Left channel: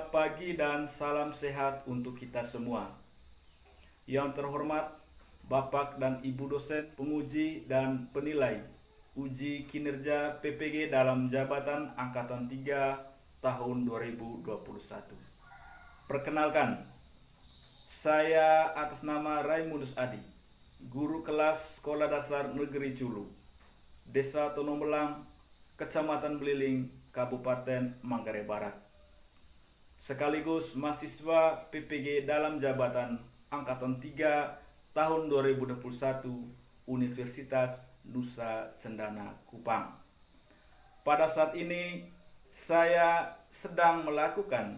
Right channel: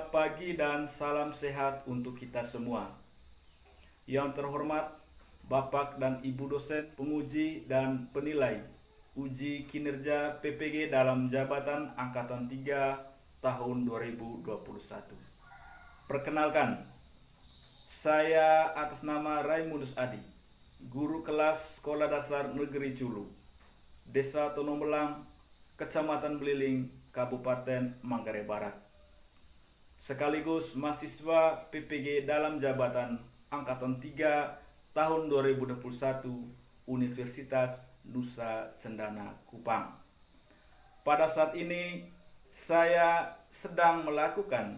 Selamat pagi dan salam sehat untuk kita semua. Yang terhormat Bapak dan Ibu dosen, penguji dan penilai uji kinerja PPG dalam jabatan Angkatan 3 tahun 2021. Perkenalkan, saya atas nama Raimundus Adi, guru kelas Sekolah Dasar Negeri Culu, Desa Tonombelang, Kecamatan Beliling, Kabupaten Manggarai Barat, sekaligus mahasiswa PPG dalam jabatan Angkatan 3 tahun 2021 Universitas Nusa Cendana Kupang. Pada saat ini saya sedang melakukan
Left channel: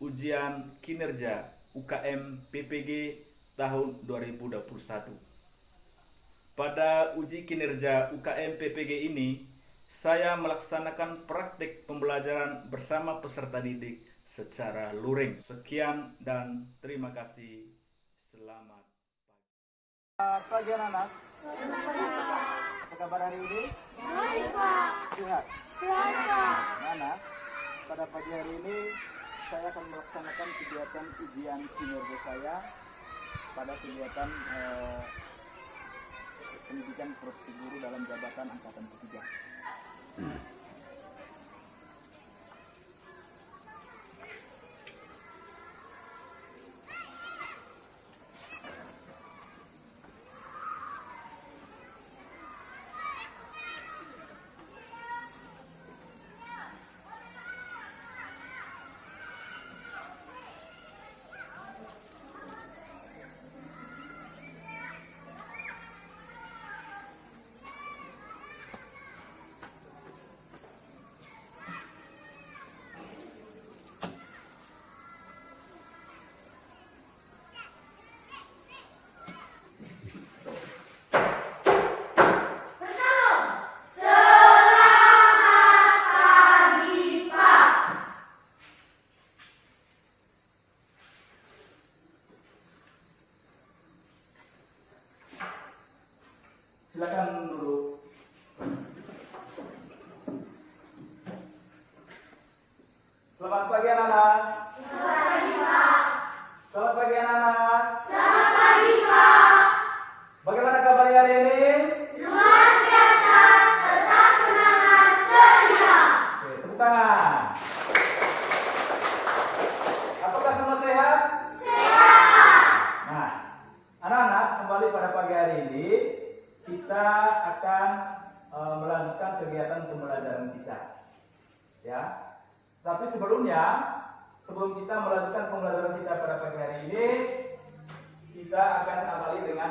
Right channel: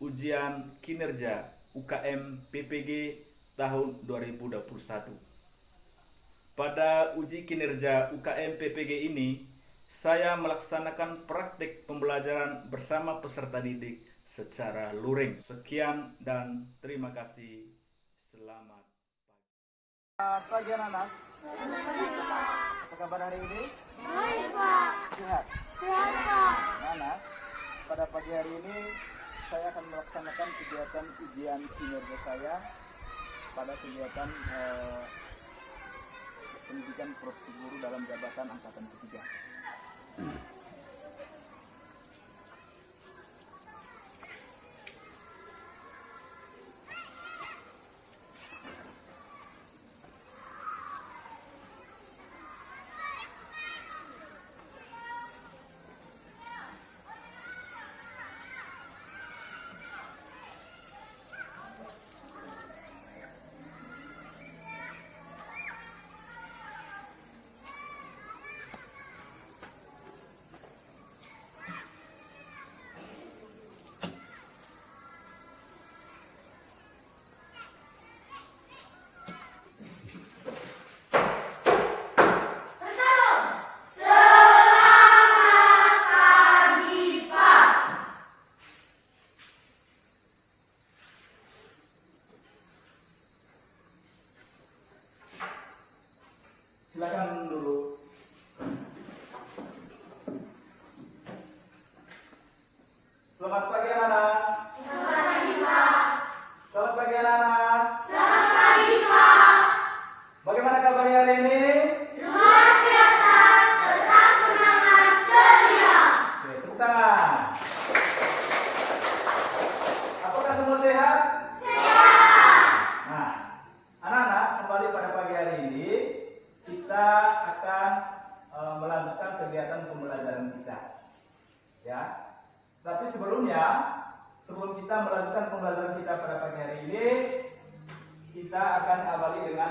ujian kinerja UKM PPG tahun 2021. Pada uji kinerja UKM PPG ini, saya melaksanakan praktik pembelajaran bersama peserta didik secara luring. Sekian dan terima kasih. Selamat pagi anak-anak. Apa kabar hari ini? Baik, Pak. Sehat? Sehat, Pak. Anak, pada pagi hari ini saya akan melaksanakan kegiatan ujian kinerja saya pada kegiatan pendidikan profesi guru dalam jabatan Angkatan ketiga. Silakan duduk. Selamat pagi anak-anak. Selamat pagi, Pak. Selamat pagi anak-anak. Selamat pagi, Pak. Bagaimana kabarnya hari ini? Luar biasa, tetap semangat, ceria. Oke, tepuk tangan. Apakah semua sehat? Sehat. Nah, anak-anak, kembali pada pagi hari ini kita akan melanjutkan kegiatan pembelajaran kita, ya. Tapi sebelum kita melanjutkan pembelajaran kita pada pagi hari ini, kita akan awali dengan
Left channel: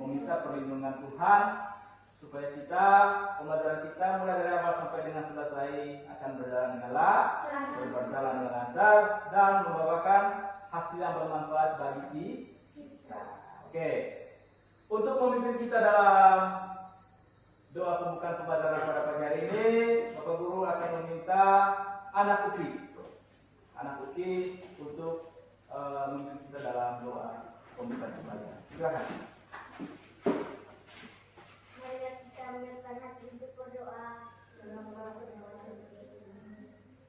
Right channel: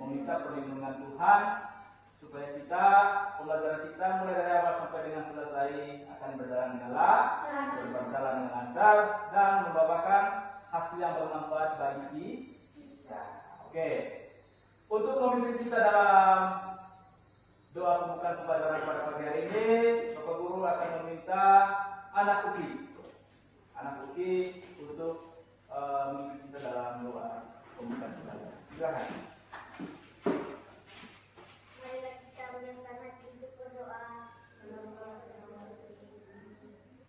meminta perlindungan Tuhan supaya pembelajaran kita mulai dari awal sampai dengan selesai akan berjalan dengan berjalan dengan lancar dan membawakan hasil yang bermanfaat bagi kita. Oke, untuk memimpin kita dalam doa pembukaan pembelajaran pada pagi hari ini, Bapak Guru akan meminta anak Uki untuk memimpin kita dalam doa pembukaan pembelajaran. Silakan. Marilah kita menyiapkan hati untuk berdoa.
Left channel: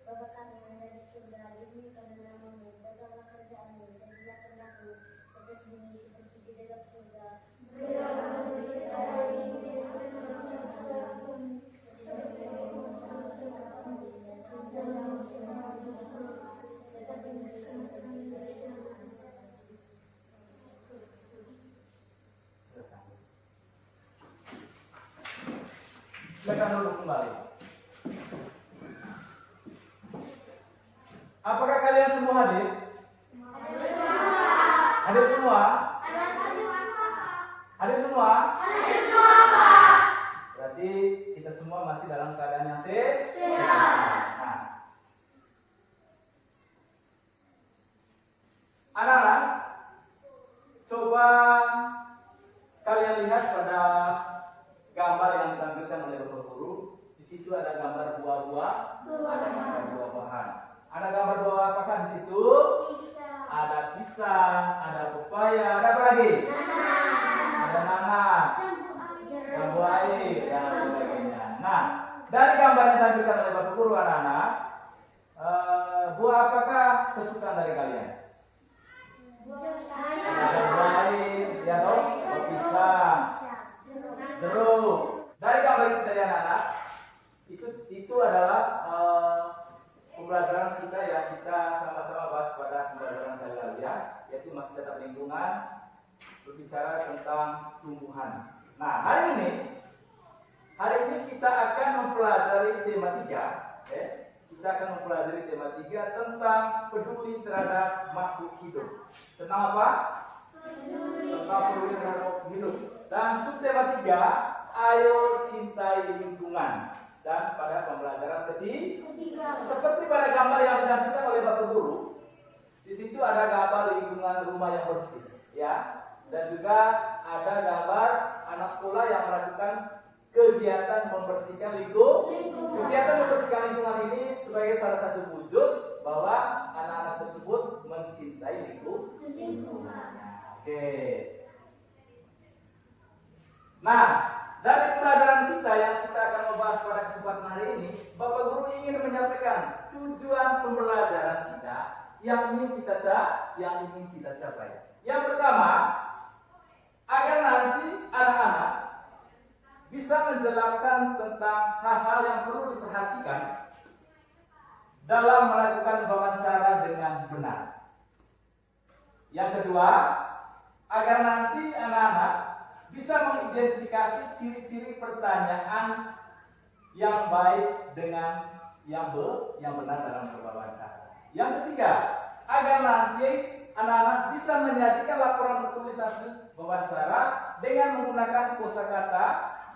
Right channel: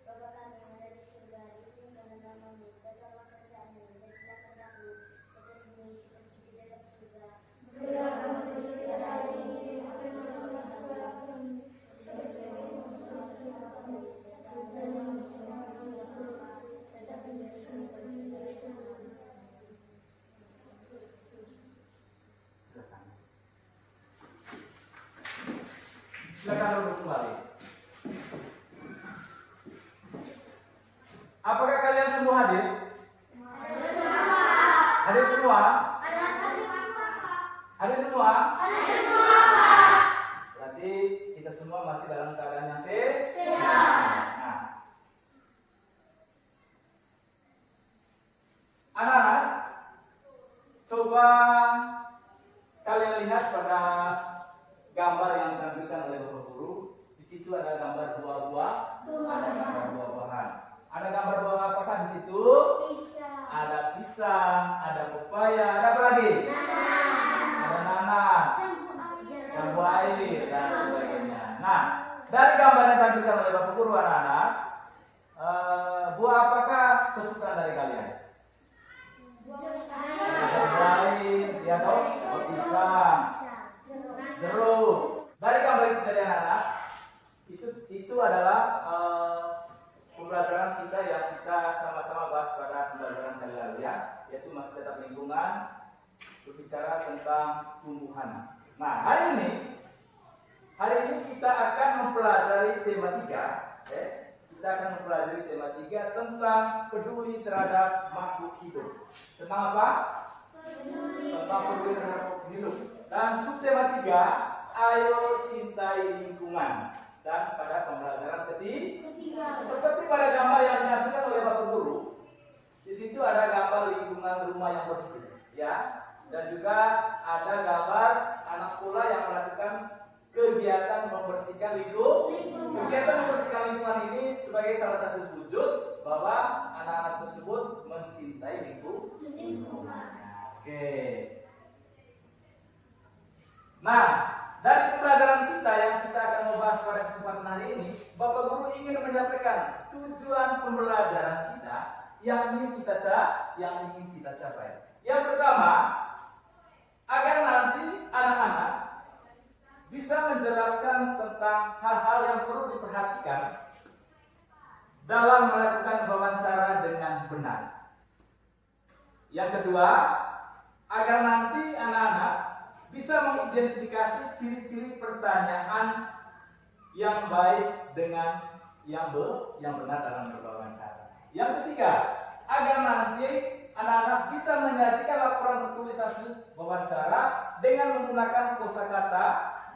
Bapa kami yang ada di surga, dimuliakanlah namamu, datanglah kerjaanmu, jadilah kehendakmu, seperti di bumi seperti di dalam surga. Berilah kami rezeki hari ini, dan ampunilah dosa kami, seperti kami mengampuni orang kami, dan janganlah kami tetapi berikan kami dari Tuhan. Silakan duduk kembali. Apakah kalian semua hadir? Hadir semua? Hadir semua? Berarti kita semua masih dalam keadaan yang sehat. Nah, anak-anak, coba kalian lihat pada gambar yang ditampilkan oleh Bapak Guru. Di situ ada gambar buah-buah, ada gambar buah-buahan. Ada gambar buah apakah di situ? Ada pisang, ada pepaya, ada apa lagi? Ada nanas, jambu air dan sebagainya. Nah, dari gambar yang ditampilkan oleh Bapak Guru anak-anak, Buah apakah kesukaan dari kalian? Baik, ya dong. Pisang, jeruk. Dari gambar itu dari anak-anak, itu adalah pembelajaran kita yang kita sama-sama bahas pada pembelajaran kali lalu ya, yaitu masih tetap lingkungan, berbicara tentang tumbuhan. Nah, hari ini kita akan mempelajari tema 3, kita akan mempelajari tema 3 tentang peduli terhadap makhluk hidup. Tentang apa? Tentang peduli terhadap makhluk hidup. Dan subtema 3, ayo cintai lingkungan. Dan pada pembelajaran ketiga, seperti pada gambar yang ditampilkan oleh Bapak Guru, di situ ada gambar lingkungan rumah yang bersih, ya, dan juga ada gambar anak sekolah yang melakukan kegiatan membersihkan lingkungan. Kegiatan membersihkan lingkungan ini sebagai salah satu wujud bahwa anak-anak tersebut mencintai lingkungan. Oke. Nah, dari pembelajaran kita yang kita akan membahas pada kesempatan hari ini, Bapak Guru ingin menyampaikan tujuan pembelajaran kita yang ingin kita capai. Yang pertama, agar nanti anak-anak bisa menjelaskan tentang hal-hal yang perlu diperhatikan dalam melakukan wawancara dengan benar. Yang kedua, agar nanti anak-anak bisa mengidentifikasi ciri-ciri pertanyaan yang baik dengan yang benar dalam berwawancara. Yang ketiga, agar nanti anak-anak bisa menyajikan laporan tertulis hasil wawancara dengan menggunakan kosakata,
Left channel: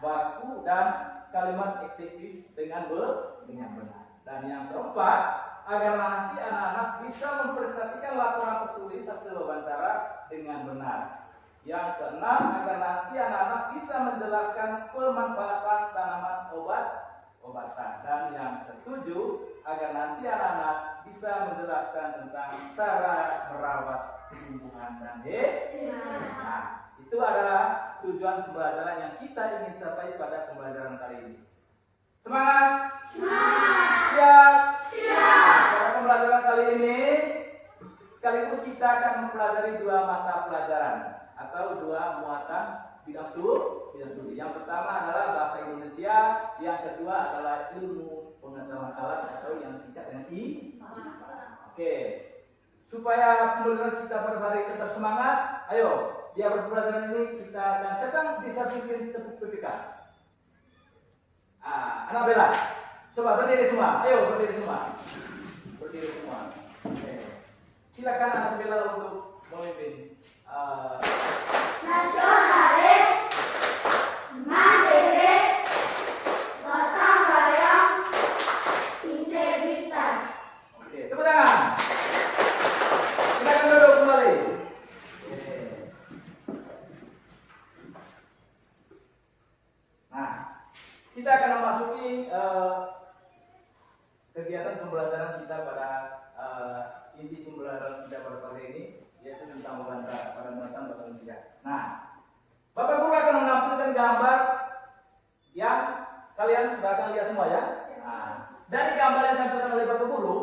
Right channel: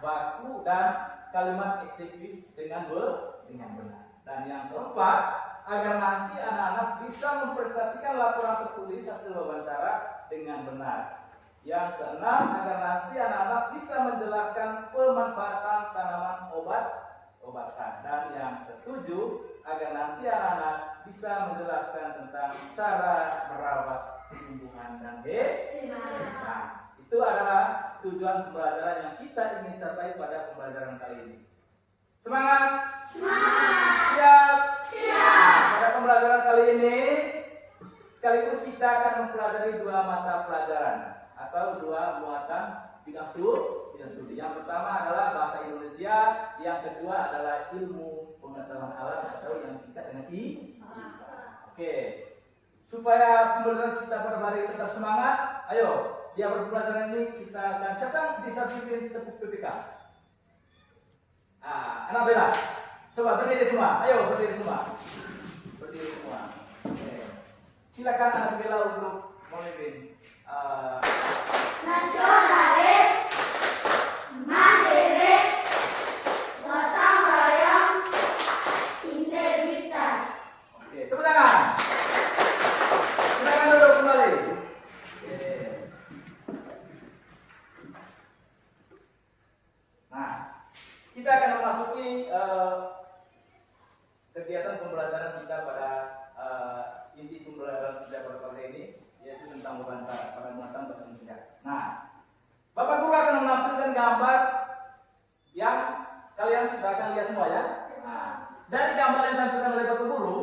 baku, dan kalimat adjektif dengan benar. Dan yang keempat, agar nanti anak-anak bisa mempresentasikan laporan tertulis hasil wawancara dengan benar. Yang keenam, agar nanti anak-anak bisa menjelaskan pemanfaatan tanaman obat-obatan. Dan yang ketujuh, agar nanti anak-anak bisa menjelaskan tentang cara merawat tumbuhan dan hewan. Nah, itu adalah tujuan pembelajaran yang kita ingin capai pada pembelajaran kali ini. Semangat! Semangat! Siap! Siap! Pada pembelajaran kali ini, sekaligus kita akan mempelajari 2 mata pelajaran atau 2 muatan bidang studi. Yang pertama adalah bahasa Indonesia, yang kedua adalah ilmu pengetahuan alam atau yang singkat dengan IPA. Oke. Supaya pembelajaran kita pada hari tetap semangat, ayo, di awal pembelajaran ini kita akan siapkan bisa bikin tepuk PPK. Anak Bella, coba berdiri semua. Ayo berdiri semua. Berdiri semua. Oke. Silakan anak Bella untuk memimpin. Nasionalis, mandiri, gotong royong, integritas. Oke, tepuk tangan. Silakan duduk kembali. Nah, kita akan memasuki kegiatan pembelajaran kita pada inti pembelajaran kita pada pagi ini, yaitu tentang wawancara pada muatan bahasa Indonesia. Nah, Bapak Guru akan menampilkan gambar yang kalian sudah akan lihat semua ya. Nah, dari gambar yang ditampilkan oleh Bapak Guru,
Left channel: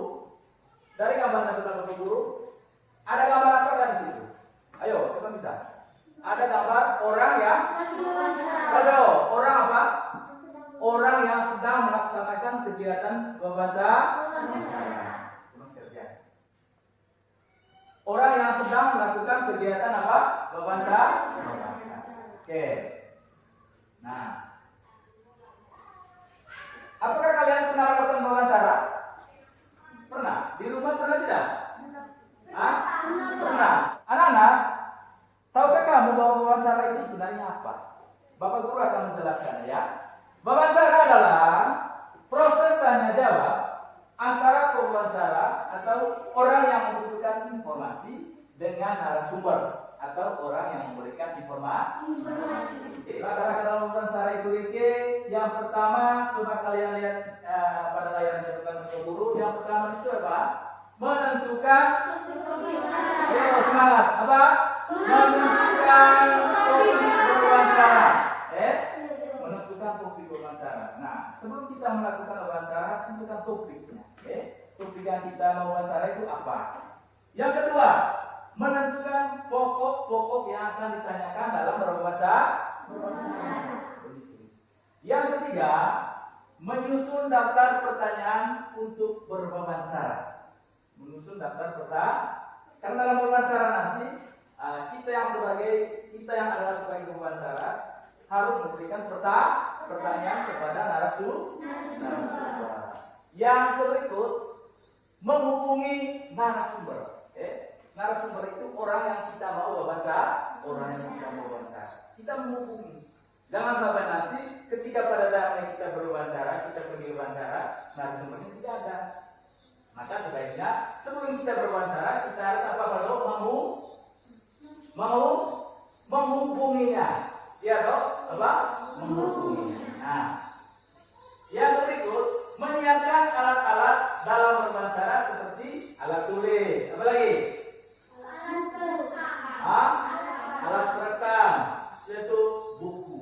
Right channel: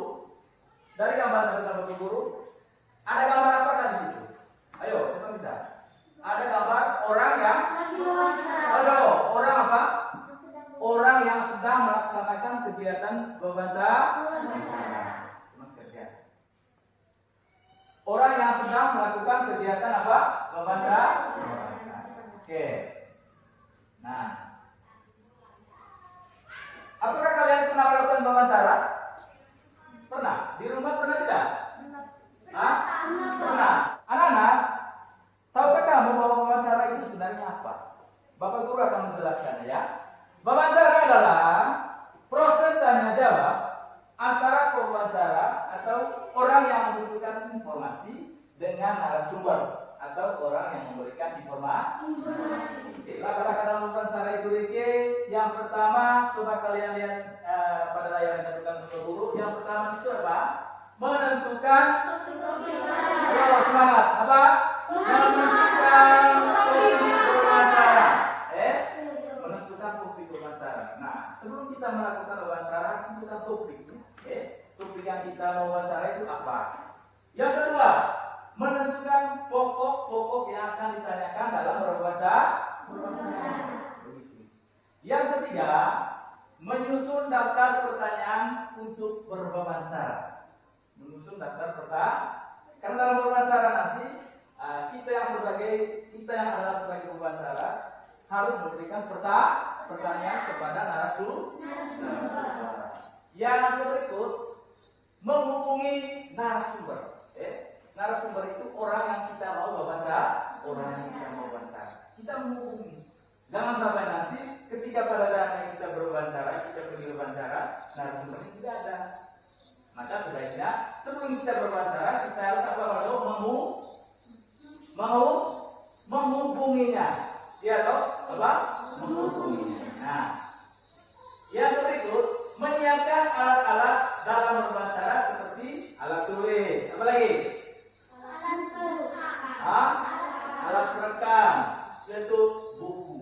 ada gambar apa tadi situ? Ayo, siapa bisa? Ada gambar orang yang orang apa? Orang yang sedang melaksanakan kegiatan wawancara. Orang yang sedang melakukan kegiatan apa? Wawancara. Oke. Nah, apakah kalian pernah melakukan wawancara? Pernah? Di rumah pernah tidak? Hah? Pernah. Anak-anak, tahukah kamu bahwa wawancara itu sebenarnya apa? Bapak Guru akan menjelaskan ya. Wawancara adalah proses tanya jawab antara pewawancara atau orang yang membutuhkan informasi dengan narasumber atau orang yang memberikan informasi. Langkah dalam wawancara itu yang pertama, coba kalian lihat pada layar yang ditunjukkan Bapak Guru. Yang pertama itu apa? Menentukan. Semangat. Apa? Menentukan topik wawancara. Menentukan topik wawancara. Nah, sebelum kita melakukan wawancara, tentukan topiknya. Topik yang menyusun daftar pertanyaan untuk berwawancara. Menyusun daftar pertanyaan. Karena dalam wawancara nanti kita yang adalah sebagai wawancara harus memberikan pertanyaan kepada narasumber. Yang berikut, menghubungi narasumber. Narasumber itu orang yang kita mau wawancara. Kita menghubungi. Jangan sampai nanti ketika pada saatnya kita berwawancara, kita pergi wawancara, narasumber itu tidak ada. Maka sebaiknya sebelum kita berwawancara kita harus menghubunginya. Ya toh? Menghubunginya. Nah, yang berikut, menyiapkan alat-alat dalam berwawancara seperti alat tulis. Apa lagi? Alat perekam, yaitu buku.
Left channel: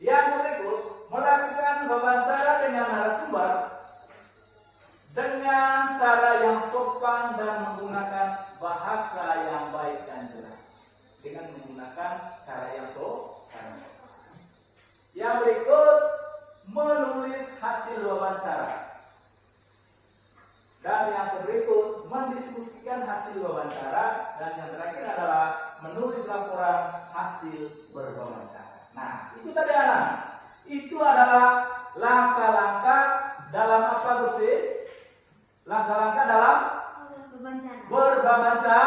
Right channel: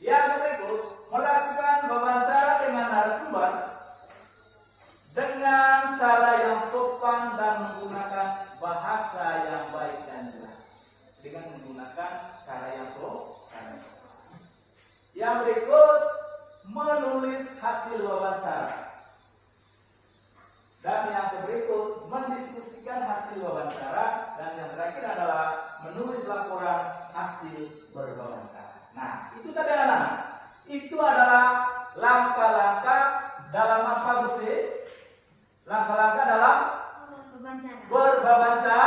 Yang berikut, melakukan wawancara dengan narasumber dengan cara yang sopan dan menggunakan bahasa yang baik dan jelas. Dengan menggunakan cara yang sopan. Yang berikut, menulis hasil wawancara. Dan yang berikut, mendiskusikan hasil wawancara. Dan yang terakhir adalah menulis laporan hasil berwawancara. Nah, itu tadi anak. Itu adalah langkah-langkah dalam apa, Gusti? Langkah-langkah dalam berwawancara.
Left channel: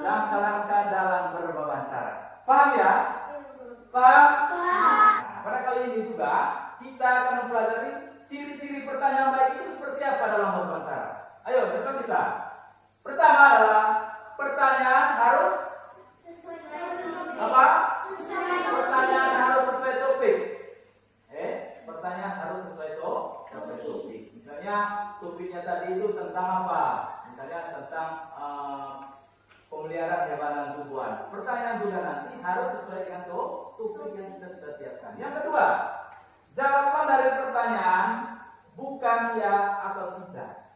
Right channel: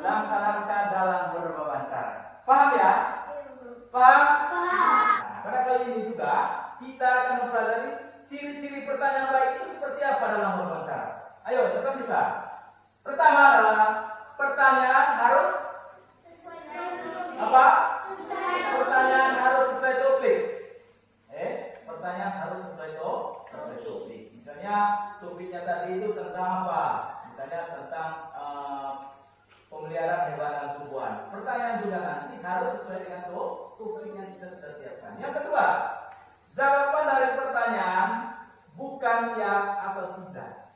Langkah-langkah dalam berwawancara. Paham ya? Paham? Nah, pada kali ini juga kita akan mempelajari ciri-ciri pertanyaan baik itu seperti apa dalam wawancara. Ayo, siapa bisa? Pertama adalah pertanyaan harus apa? Pertanyaan harus sesuai topik. Pertanyaan harus sesuai topik. Misalnya topiknya tadi itu tentang apa? Misalnya tentang pemeliharaan hewan dan tumbuhan. Pertanyaan juga nanti harus sesuai dengan topik yang kita sudah siapkan. Yang kedua, jawaban dari pertanyaan bukan ya atau tidak.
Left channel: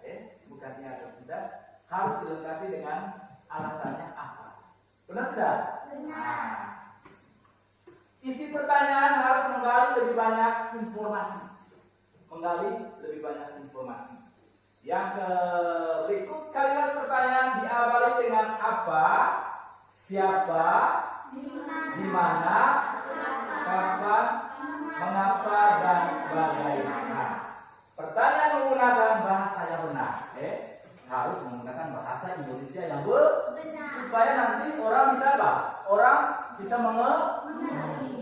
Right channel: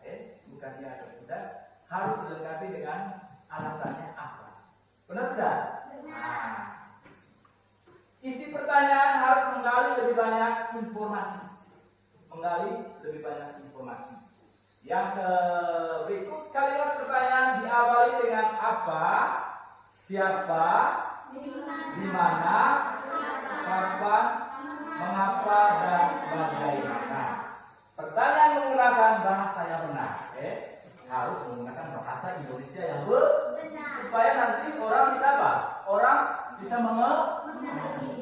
Bukan ya atau tidak harus dilengkapi dengan alasannya apa. Benar tidak? Benar. Isi pertanyaan harus menggali lebih banyak informasi. Yang berikut, kalimat pertanyaan diawali dengan apa, siapa, di mana, kapan, mengapa, dan bagaimana. Pertanyaan menggunakan bahasa yang benar. Harus menggunakan bahasa Indonesia yang benar. Supaya nanti orang bisa apa? Orang bisa mengerti.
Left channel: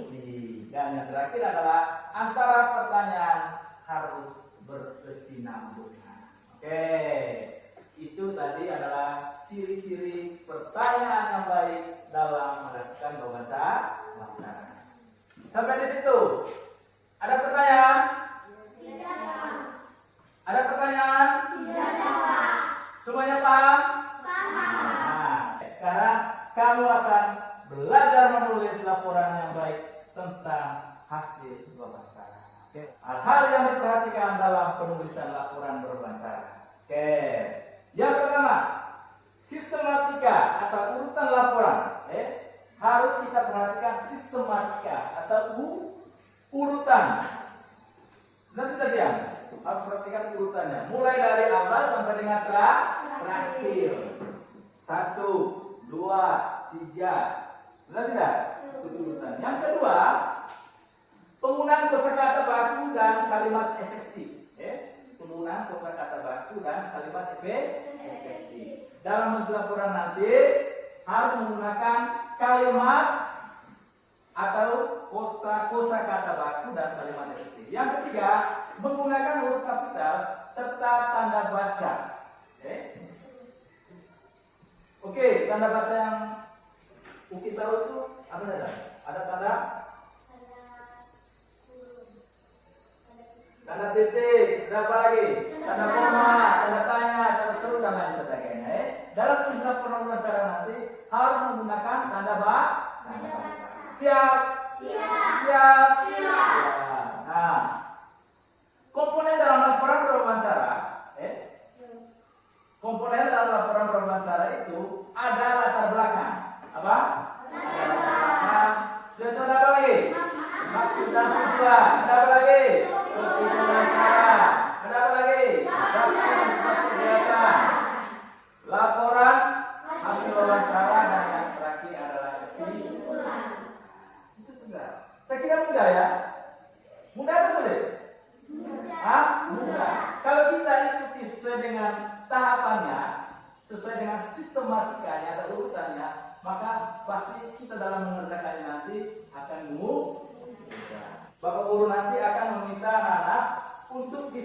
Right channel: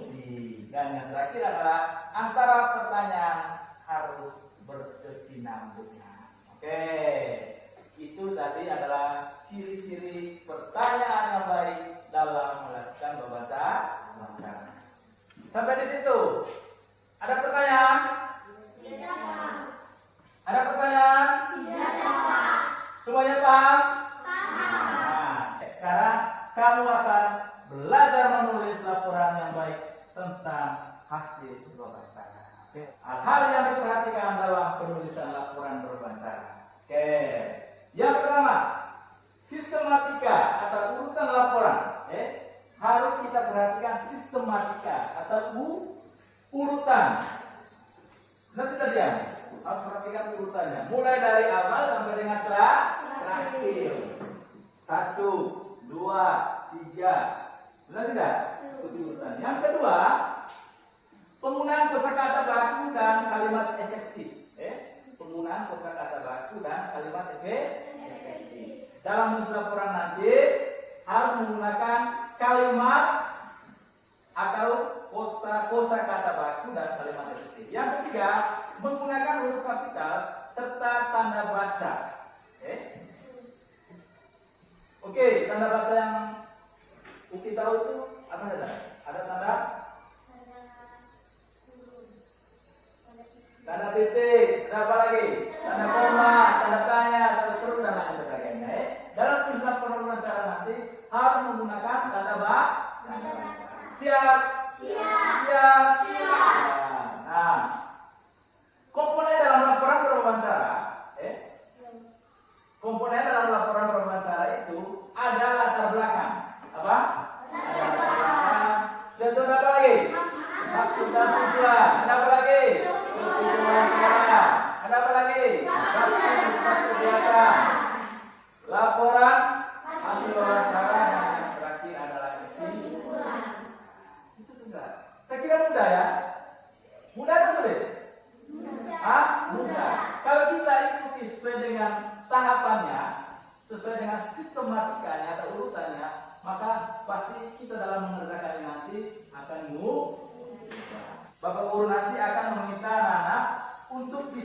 Dan yang terakhir adalah antara pertanyaan harus berkesinambungan. Oke, itu tadi adalah ciri-ciri pertanyaan yang baik dalam melakukan wawancara. Sampai di situ. Ada pertanyaan? Ada pertanyaan? Semuanya paham? Nah, sekarang kamu akan belajar menulis laporan yang baik tentang hasil wawancara. Hal-hal yang diperhatikan dalam penulisan laporan berwawancara. Yang pertama, sistematika atau urutan laporan. Harus kita perhatikan sistematika atau urutan. Nanti tadi ya, harus perhatikan urutannya. Mulai dari awal sampai dengan terakhir. 1, 2, 3. Benar tidak? Urutan. Yang kedua, penggunaan kosakata baku dan kalimat efektif. Penggunaan kosakata baku dan kalimat efektif. Dalam menulis laporan nanti harus menggunakan kalimat atau kosakata baku dan kalimat efektif. Yang ketiga, menggunakan huruf kapital serta tanda baca. Oke, tanda baca yang Uki tahu itu apa saja? Ada tanda titik, berapa lagi? Tanda koma, tanda tanya, tanda seru dan lain sebagainya. Dalam tulisan wawancara nanti harus menggunakan tanda baca. Siap. Nah, komponen dalam laporan berwawancara. Komponen dalam laporan berwawancara itu ada latar belakang. Apa? Latar belakang. Dan apa lagi? Maksud dan tujuan. Ada apa lagi? Tujuan wawancara.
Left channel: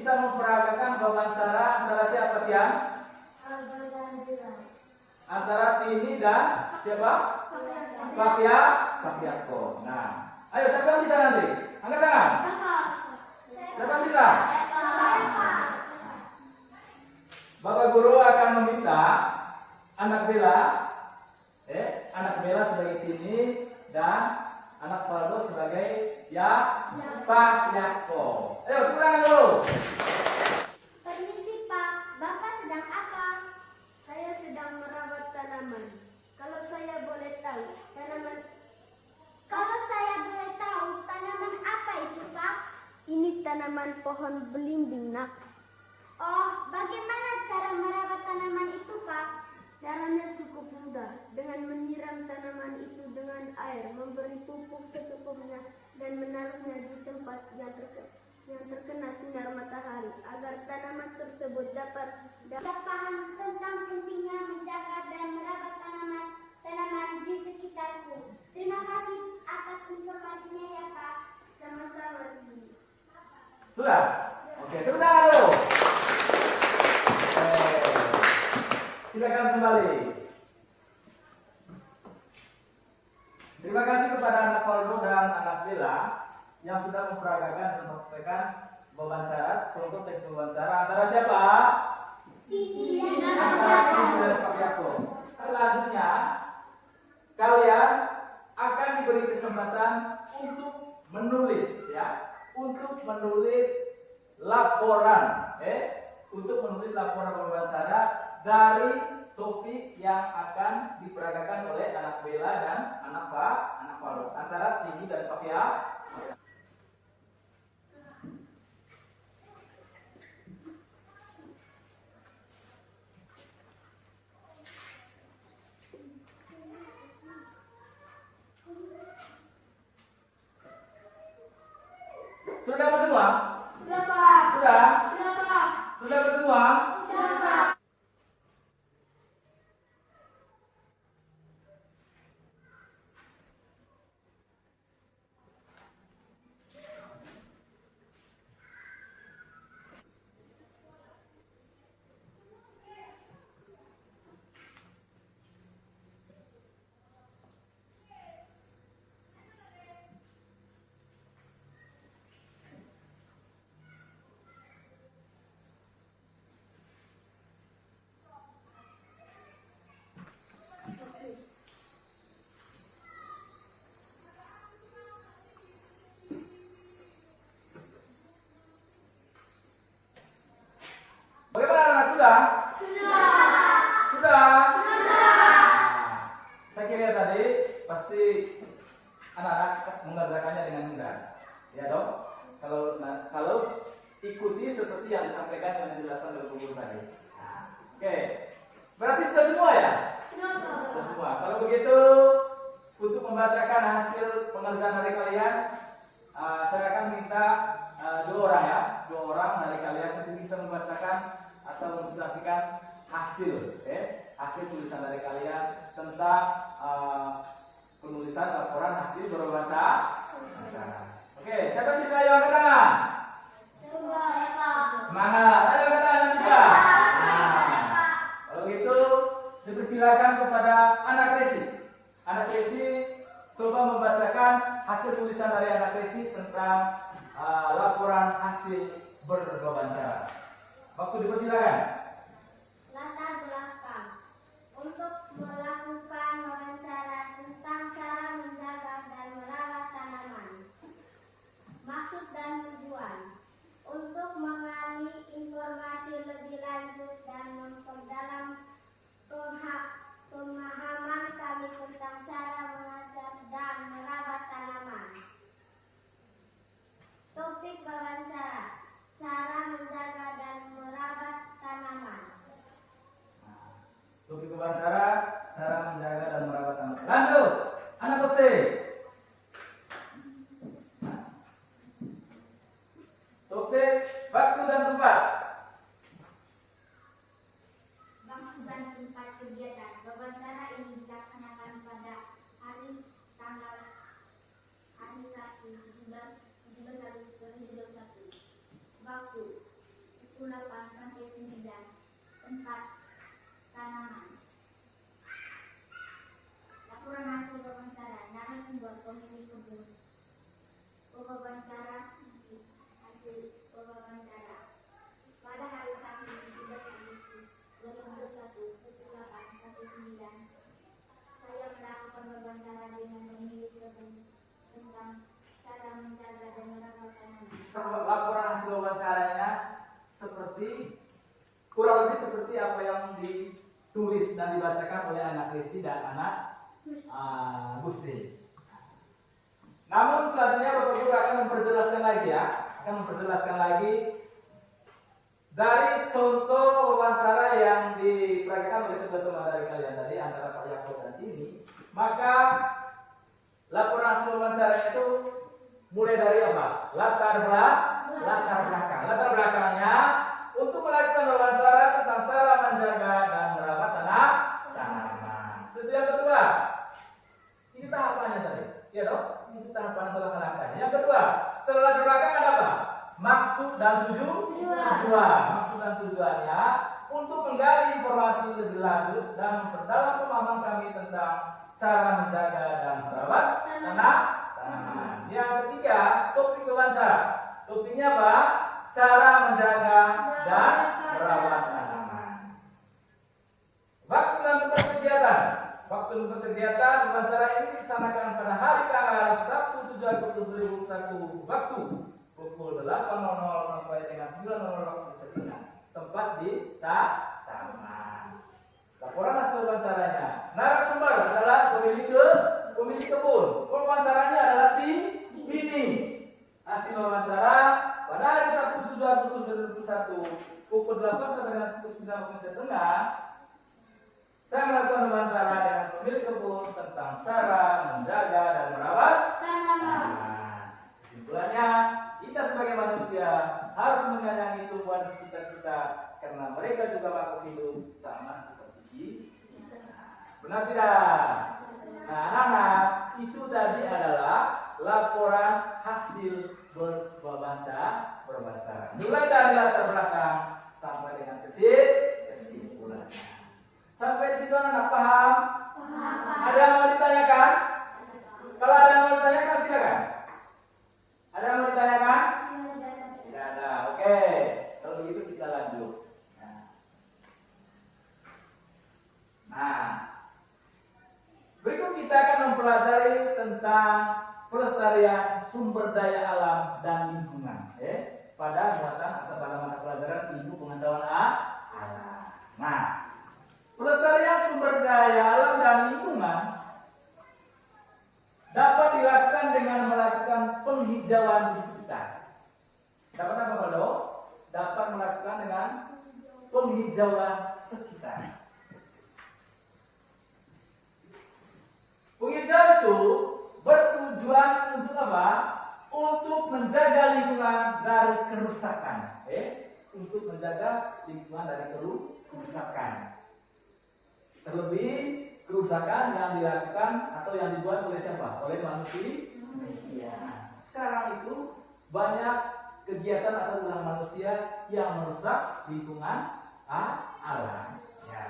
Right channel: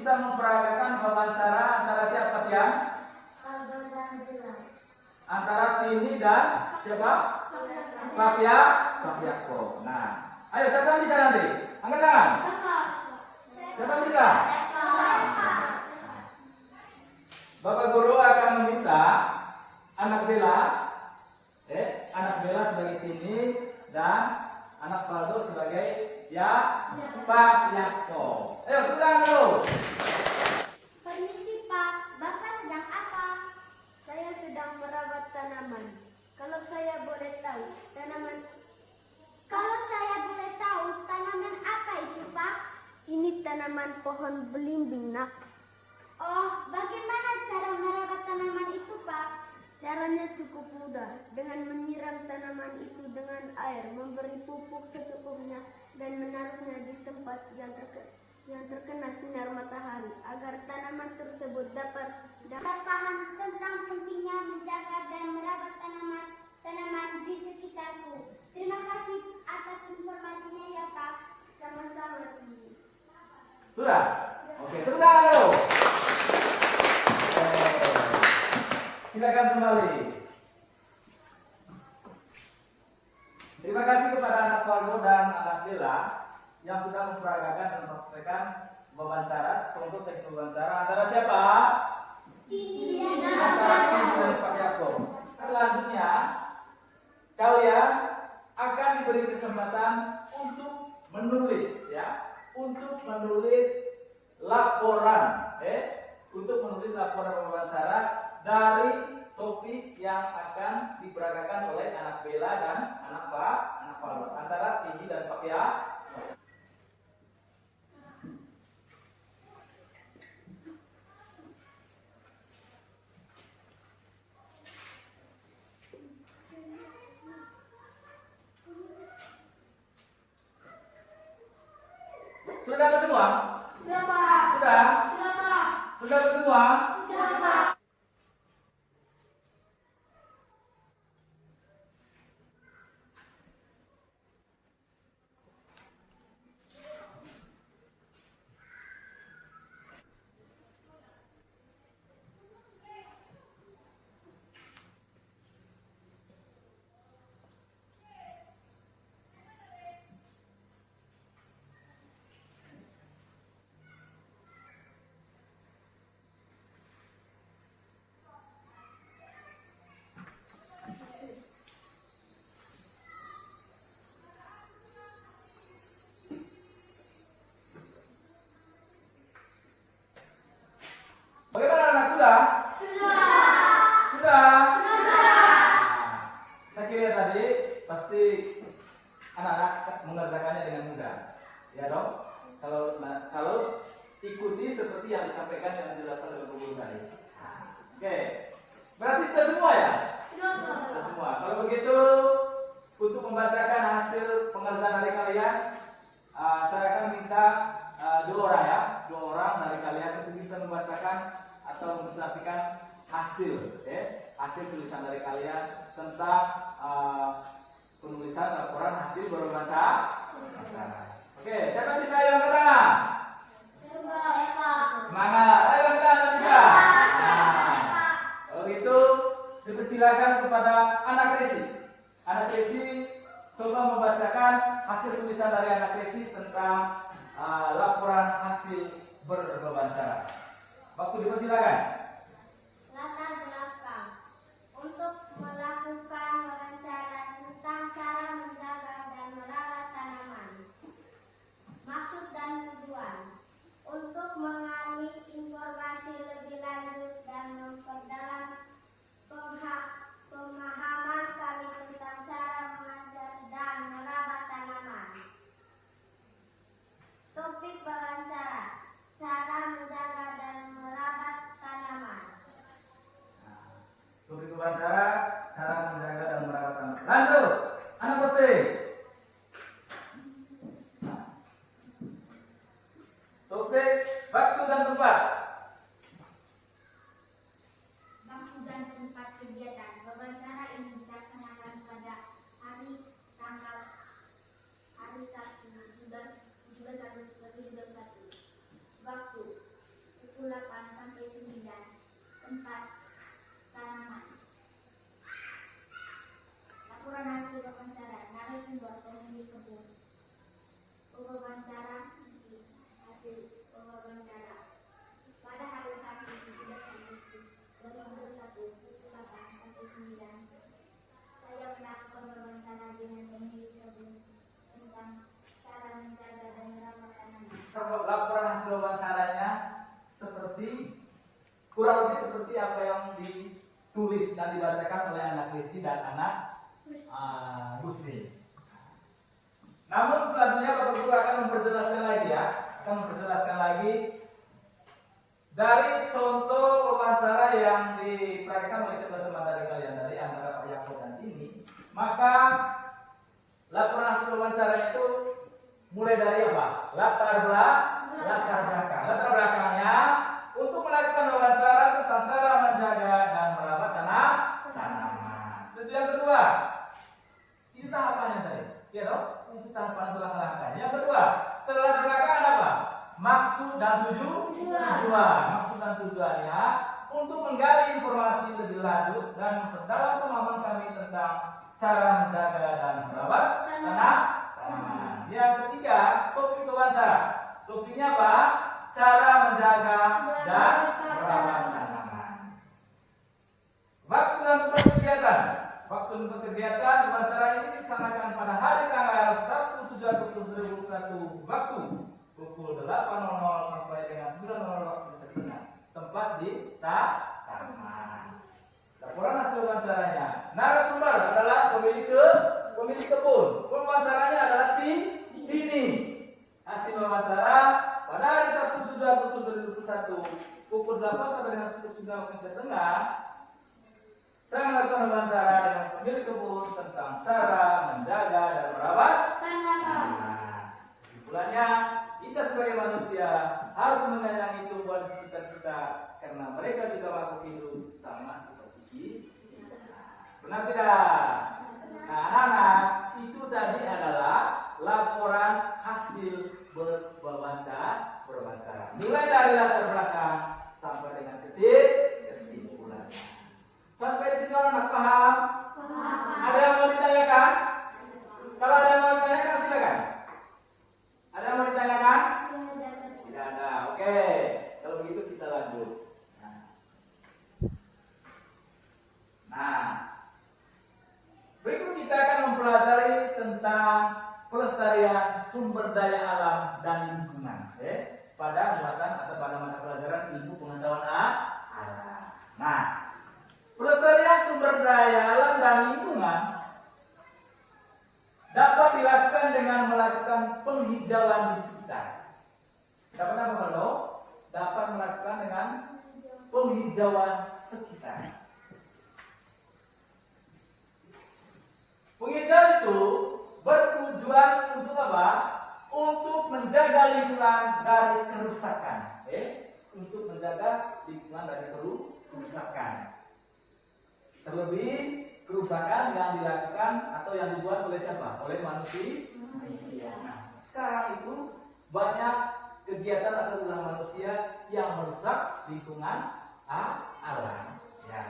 bisa memperagakan wawancara antara siapa Tian? Aldo dan Bella. Antara Tini dan siapa? Papiako. Nah, ayo siapa yang bisa nanti? Angkat tangan. Siapa yang bisa? Bapak Guru akan meminta anak Bella sebagai Tini dan anak Faldo sebagai Papiako. Ayo pulang dulu. Permisi Pak, Bapak sedang apa? Saya sedang merawat tanaman. Kalau saya boleh tahu, tanaman apa itu Pak? Ini tanaman pohon belimbing nak. Oh, bagaimana cara merawat tanaman itu Pak? Caranya cukup mudah, dengan menyiram tanaman itu dengan air, memberi pupuk secukupnya, dan menaruhnya di tempat yang terkena sinar matahari, agar tanaman tersebut dapat paham tentang pentingnya menjaga dan merawat tanaman di sekitarku. Terima kasih atas informasinya ya Pak. Sama-sama. Sudah? Oke, tepuk tangan dulu. Silakan kembali. Terima kasih kepada anak Faldo dan anak Bella yang sudah memperagakan dan mempraktekkan wawancara, contoh teks wawancara antara siapa? Antara Tini dan Papiako. Selanjutnya, kalian akan diberi kesempatan untuk menulis, untuk menulis laporan, untuk menulis laporan wawancara dari topik yang akan diperagakan oleh anak Bella dan anak Faldo antara Tini dan Papiako. Sudah dapat semua? Sudah Pak. Sudah? Sudah Pak. Sudah dapat semua? Sudah Pak. Bagaimana anak sudah? Sudah? Saya kira tadi pasti anak-anak mengerjakannya dengan mudah. Ya dong? Kalau ikuti seperti yang disampaikan dengan penjelasan dari guru tadi. Oke. Berarti sudah semua ya? Sudah semua. Kalau begitu, untuk membacakan hasil pengerjaan dari kalian, saya akan minta dua orang dari kalian itu bisa membacakan atau menjelaskan hasil, hasil tulisan dari kalian tentang penulisan laporan hasil berwawancara. Oke, siapa bisa yang angkat tangan? Semangat, ayo angkat tangan yang bisa. Kalau gitu, silakan kepada anak Resi. Anak Resi coba membacakan hasil tulisan dari anak Resi tentang laporan hasil berwawancara. Waktu dipersilakan. Latar belakang untuk melakukan wawancara tentang cara menjaga dan merawat tanaman. Maksud dan tujuan untuk mengalami informasi lebih lanjut dan memperdalam pemahaman kami tentang cara mengajar dan merawat tanaman. Topik wawancara: cara menjaga dan merawat tanaman. Desi dan anak Gusti. Namun selanjutnya Bapak Guru akan memperjelaskan lagi ya, dari contoh wawancara yang diperagakan oleh teman-teman dari kalian tadi antara Pak Yakob dan ini, maka laporan hasil wawancara itu mulai dari apa? Latar belakang. Latar belakangnya untuk melakukan wawancara tentang cara menjaga dan merawat tanaman. Itu yang kedua. Ini tahapannya tadi. Ya toh? Itu tahapan atau langkah-langkahnya. Yang kedua, setelah latar belakang ada apa? Maksud dan tujuan. Maksud dan tujuannya untuk menggali informasi lebih lanjut dan memperdalam pemahaman kami tentang cara menjaga dan merawat tanaman. Yang ketiga, topik wawancara. Topiknya apa? Cara menjaga dan merawat tanaman. Waktu dan tempat kegiatan. Waktu untuk kegiatan wawancara ini dilaksanakan pada hari tanggal 1 7 Agustus 2021 waktu pukul 8.00 sampai dengan 9.00 waktu Indonesia. Tempat di taman. Laporan hasil wawancaranya. Narasumber adalah pemilik kebun. Wawancaranya adalah ini. Hasil wawancara pada hari Sabtu 7 Agustus 2021 pukul 8 sampai dengan pukul 9 waktu Indonesia. Saya melakukan wawancara dengan pemilik kebun tentang cara menjaga dan merawat tanaman. Kesimpulannya, kita sebagai manusia harus menyayangi tumbuhan sekitar kita karena mereka juga makhluk hidup sama seperti kita. Benar tidak? Nah, anak-anak, itu tadi adalah laporan hasil berwawancara. Mulai dari latar belakang sampai dengan kesimpulannya. Sampai di situ anak paham? Ada yang mau ditanyakan? Kalau ada yang mau ditanyakan silakan. Ada yang mau ditanyakan? Tidak ada. Oke. Kalau begitu kita lanjut. Nah, berikut kita akan mempelajari tentang pelestarian sumber daya alam dan lingkungan. Pada muatan atau pada mata pelajaran ilmu pengetahuan alam. Nah, pelestarian sumber daya alam dan lingkungan dapat dilakukan dengan melakukan penghijauan di sekitar. Dapat apa, Pak? Dapat melakukan dengan penghijauan sekitar. Penghijauan itu bertujuan untuk apa? Untuk menjaga lingkungan dari kerusakan. Untuk menjaga lingkungan dari kerusakan. Terlebih kerusakan yang dilakukan atau yang dibuat oleh siapa? Oleh manusia. Sekarang itu banyak kegiatan atau ulah manusia yang merusak lingkungan alam. Ya.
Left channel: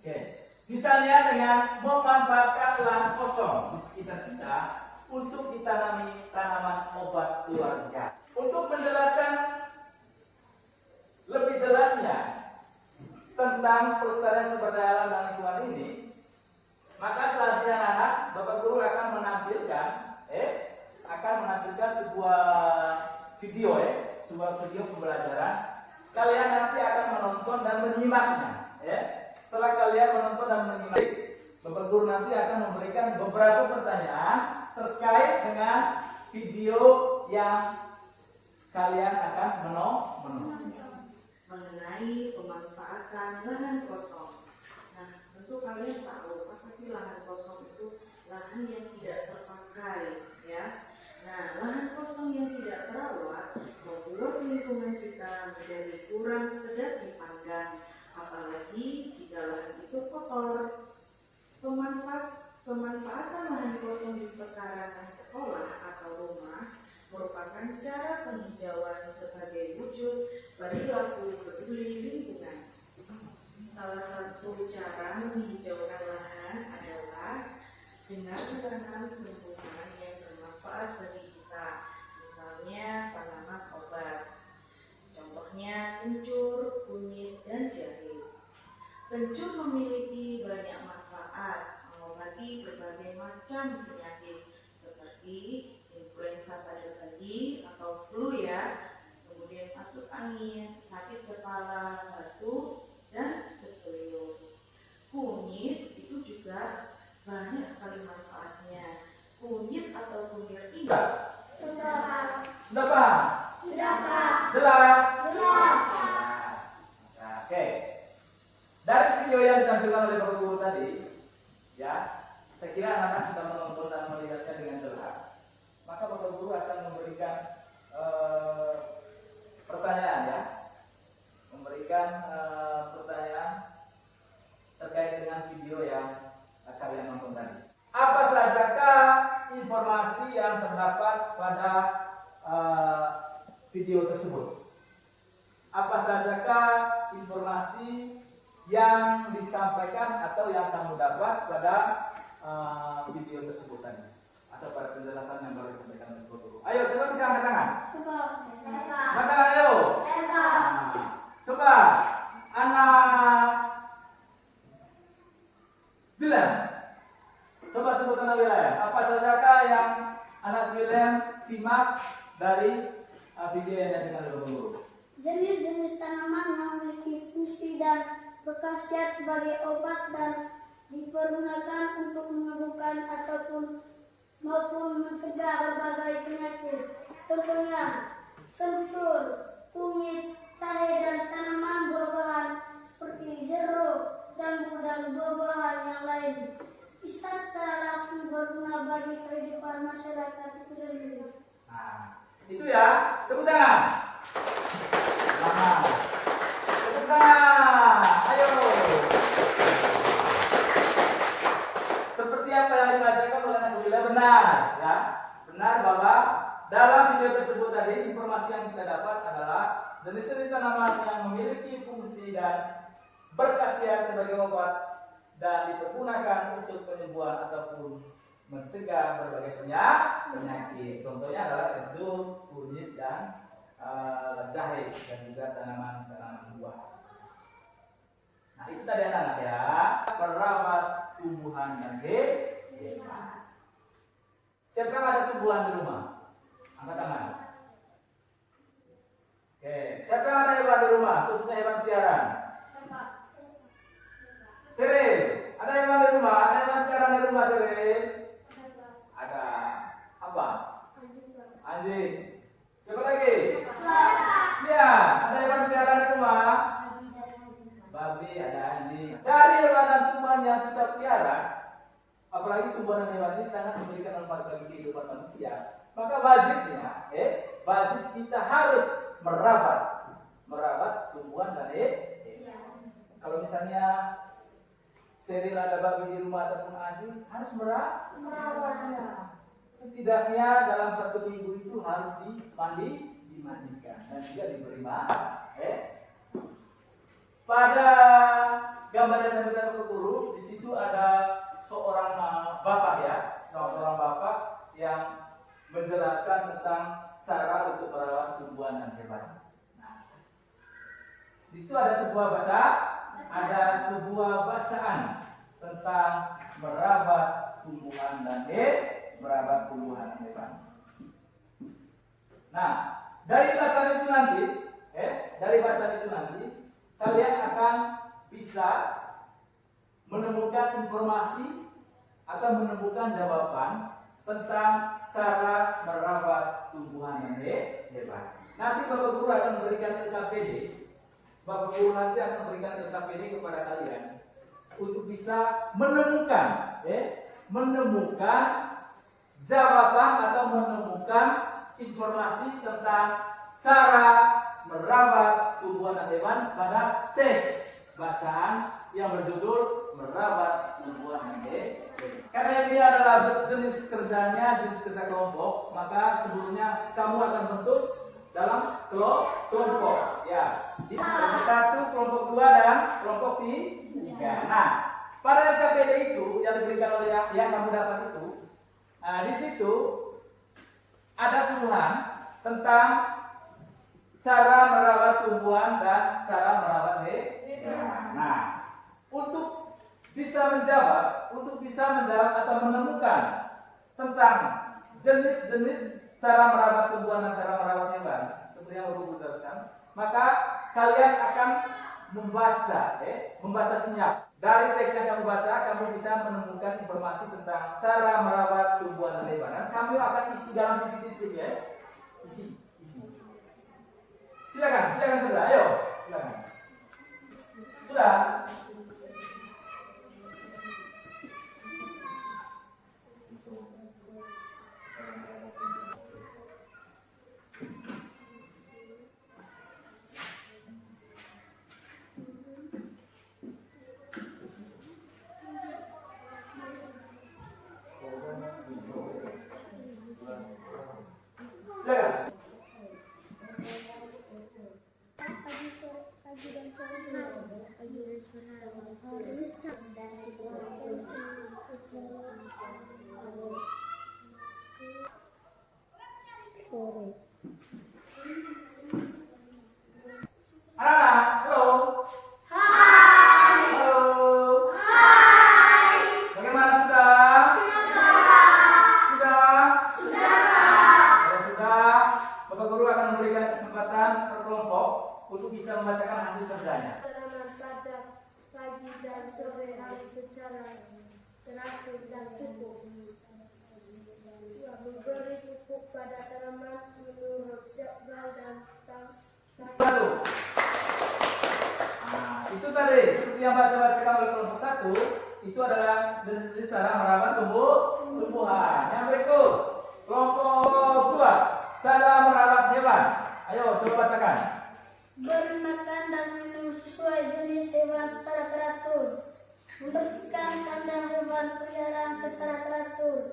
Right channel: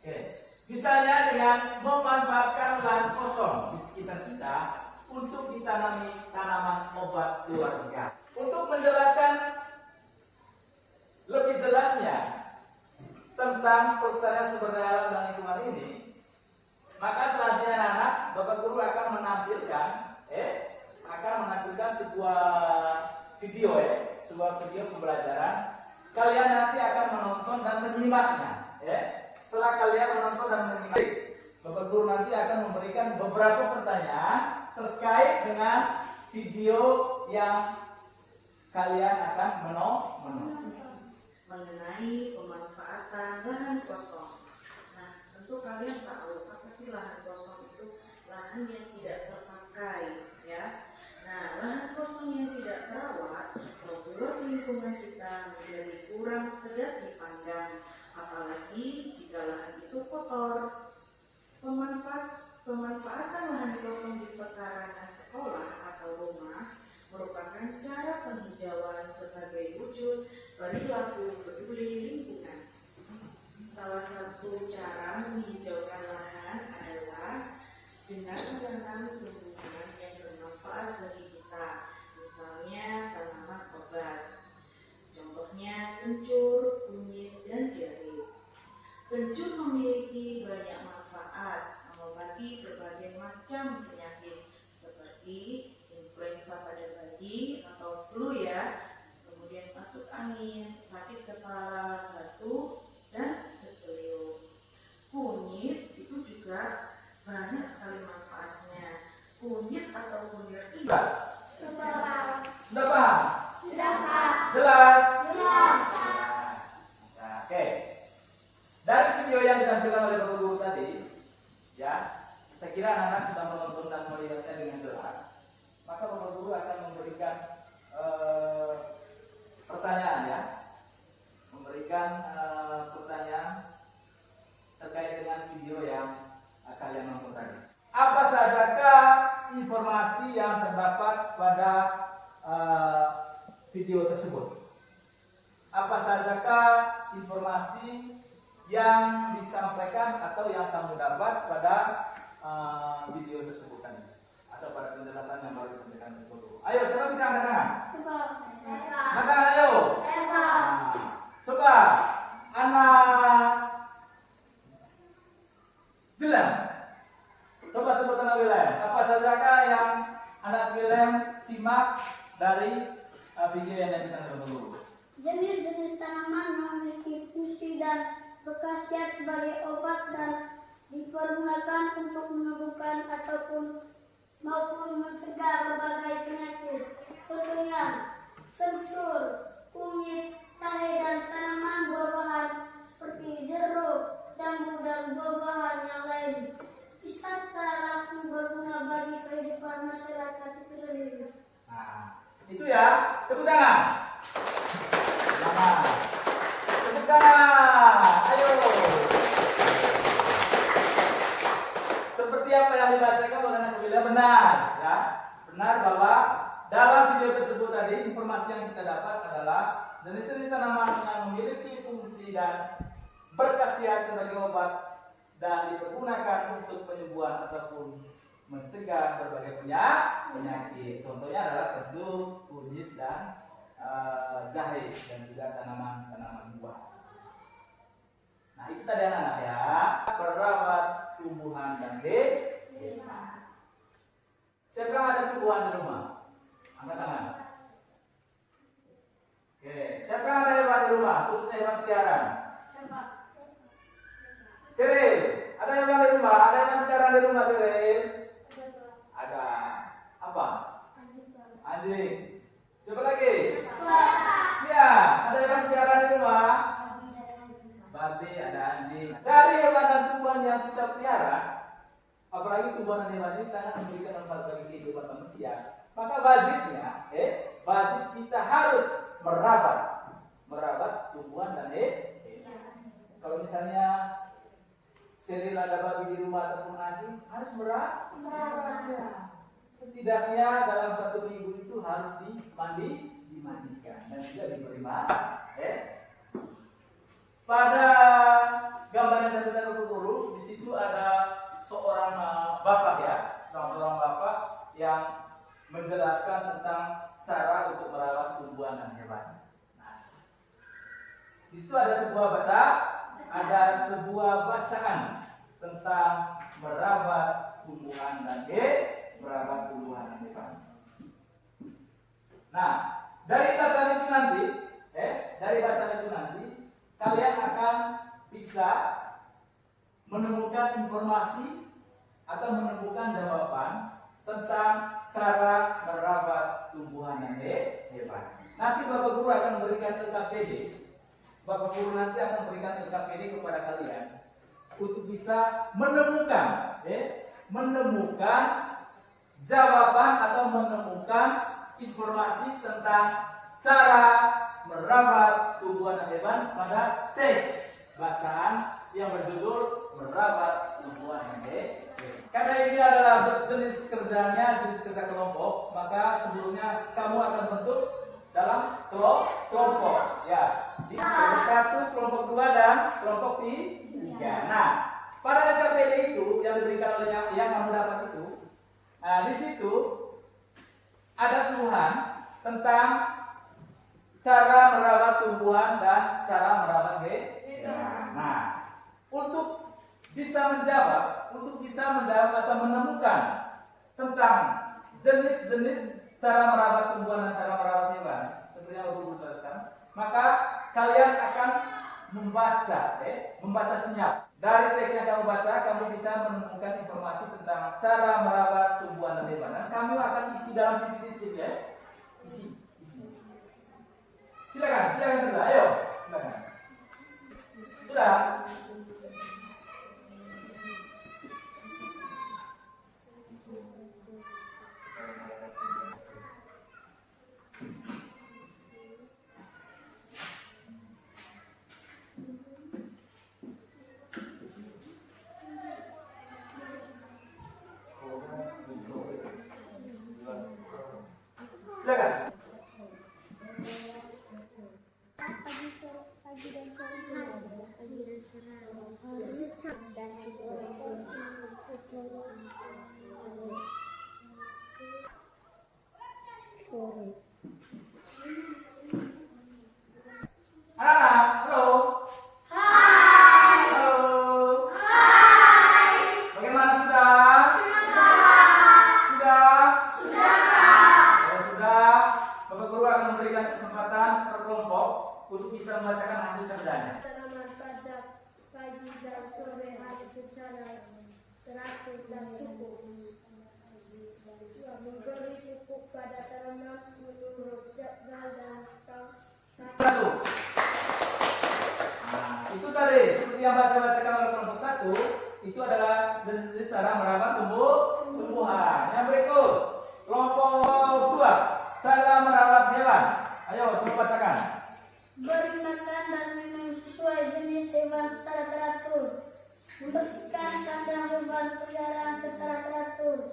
Oke. Misalnya dengan memanfaatkan lahan kosong di sekitar kita untuk ditanami tanaman obat keluarga. Untuk menjelaskan lebih jelasnya tentang pelestarian sumber daya alam dan lingkungan ini, maka selanjutnya anak-anak, Bapak Guru akan menampilkan sebuah video pembelajaran. Kalian nanti akan menonton dan menyimaknya. Setelah kalian menonton dan menyimak, Bapak Guru nanti akan memberikan beberapa pertanyaan terkait dengan video yang kalian akan menonton. Mengenai pemanfaatan lahan kosong. Nah, tentu kalian tahu apa sih lahan kosong itu? Lahan yang tidak terpakai, ya. Nah, lahan kosong yang tidak terawat membuat lingkungan kita menjadi kurang sedap dipandang, apalagi jika lahan itu kotor. Pemanfaatan lahan kosong di pekarangan sekolah atau rumah merupakan cara penghijauan sebagai wujud perilaku peduli lingkungan. Salah satu cara menghijaukan lahan adalah dengan menanam tumbuhan yang bermanfaat bagi kita, misalnya tanaman obat. Contohnya kencur, kunyit, dan jahe. Kencur memiliki banyak manfaat, mengobati berbagai macam penyakit seperti influenza pada bayi atau flu ya, kemudian masuk angin, sakit kepala, batuk, dan difteri. Sudah paham? Sudah Pak. Jelas? Jelas. Nah, oke. Dari video yang ditampilkan oleh Bapak Guru tadi, ya, saya kira anak-anak sudah menonton dan melihatnya dengan jelas. Maka Bapak Guru akan memberikan pertanyaan, ya, memberikan pertanyaan terkait dengan video yang kalian nonton tadi. Apa sajakah informasi yang terdapat pada video tersebut? Apa sajakah informasi yang disampaikan atau yang kamu dapat pada video tersebut tadi, atau pada penjelasan yang baru disampaikan oleh guru? Ayo, siapa bisa angkat tangan? Angkat tangan, ayo. Nah, coba anak William, coba sebut nama William. Apa sajakah yang anak William simak dari video yang disampaikan oleh guru? Jenis-jenis tanaman memiliki fungsi dan berkhasiat sebagai obat dan dipergunakan untuk menyembuhkan maupun mencegah berbagai penyakit. Contohnya kencur, kunyit, jahe, dan tanaman buah-buahan seperti jeruk, jambu, dan buah-buahan yang lain bisa secara langsung berguna bagi kehidupan masyarakat itu sendiri. Nah, itu ya. Tepuk tangan. Semangat. Tepuk tangan. Ayo. Seperti apa yang dibacakan oleh anak Bila, benar, ya. Benar bahwa dalam video tersebut tadi informasi yang kita dapat adalah jenis-jenis tanaman yang memiliki fungsi dan berkhasiat sebagai obat dan dipergunakan untuk penyembuhan ataupun mencegah berbagai penyakit. Contohnya adalah kencur, kunyit, dan jahe, dan juga tanaman-tanaman buah. Nah, itu tadi anak-anak, ya. Perawat tumbuhan dan desa. Siapa ada tumbuhan di rumah? Angkat tangan. Oke, siapa ada hewan di rumah? Khususnya hewan peliharaan. Seril, ada hewan di rumah? Ada hewan peliharaan di rumah, Seril? Ada. Apa? Anjing. Siapa lagi? Ya, ada hewan peliharaan di rumah? Babi, ada anjing. Dari hewan dan tumbuhan yang kita pelihara, apalagi tumbuhan dan hewan ini sangat memberikan manfaat bagi kehidupan manusia. Maka wajibnya, wajib kita harus merawat tumbuhan dan hewan. Kalau misalnya Seril ada babi di rumah ataupun anjing, harus merawatnya. Setidaknya dalam 1 minggu itu harus dimandikan dan juga diberi makan. Pada gambar yang terlihat di guru, di situ ada seorang bapak, ya, seorang bapak yang menjelaskan tentang cara untuk merawat tumbuhan dan hewan. Nah, di situ ada sebuah bacaan tentang merawat tumbuhan dan hewan. Nah, dari bacaan itu nanti, kalian akan bisa menemukan informasi atau menemukan jawaban tentang cara merawat tumbuhan dan hewan. Nanti Bapak Guru akan memberikan LKPD. Bapak Guru nanti akan memberikan LKPD kepada kalian untuk bisa menemukan jawaban atau menemukan informasi tentang cara merawat tumbuhan dan hewan pada teks bacaan yang berjudul merawat tumbuhan dan hewan. Karena ini adalah jenis kerja kelompok, maka sebelumnya kamu akan bentuk dalam kelompok, ya. Kelompok 1, kelompok 2, dan kelompok 3. Nah, pada LKPD itu yang diberikan oleh yang kamu dapat itu, nah di situ ada suruhan tentang cara merawat tumbuhan dan cara merawat hewan. Nah, untuk bisa menjawab atau menemukan tentang jenis-jenis cara merawat tumbuhan dan cara merawat hewan, seperti yang Bapak jelaskan, maka kalian akan membaca senyap. Dari teks yang kamu baca, kamu bisa menemukan informasi tentang cara merawat tumbuhan dan hewan. Dan kamu akan isi dalam titik-titik, ya. Isi. dan sore. Anak-anak, halo. Halo. Bagaimana sudah? Sudah? Kalau sudah, Bapak Guru akan memberikan kesempatan per kelompok untuk bisa membacakan hasil kerjanya. Tanaman pada pagi dan sore hari secara teratur dan cukup. Memberi pupuk pada tanaman menurut jadwal dan Satu. Nah, itu tadi seperti yang baca-bacakan oleh kelompok 1 itu adalah jenis cara merawat tumbuhan. Yang berikut kelompok 2 cara merawat hewan. Ayo coba bacakan. beri makan dan minum sesuai jenis hewan secara teratur, membersihkan kandang hewan peliharaan secara teratur,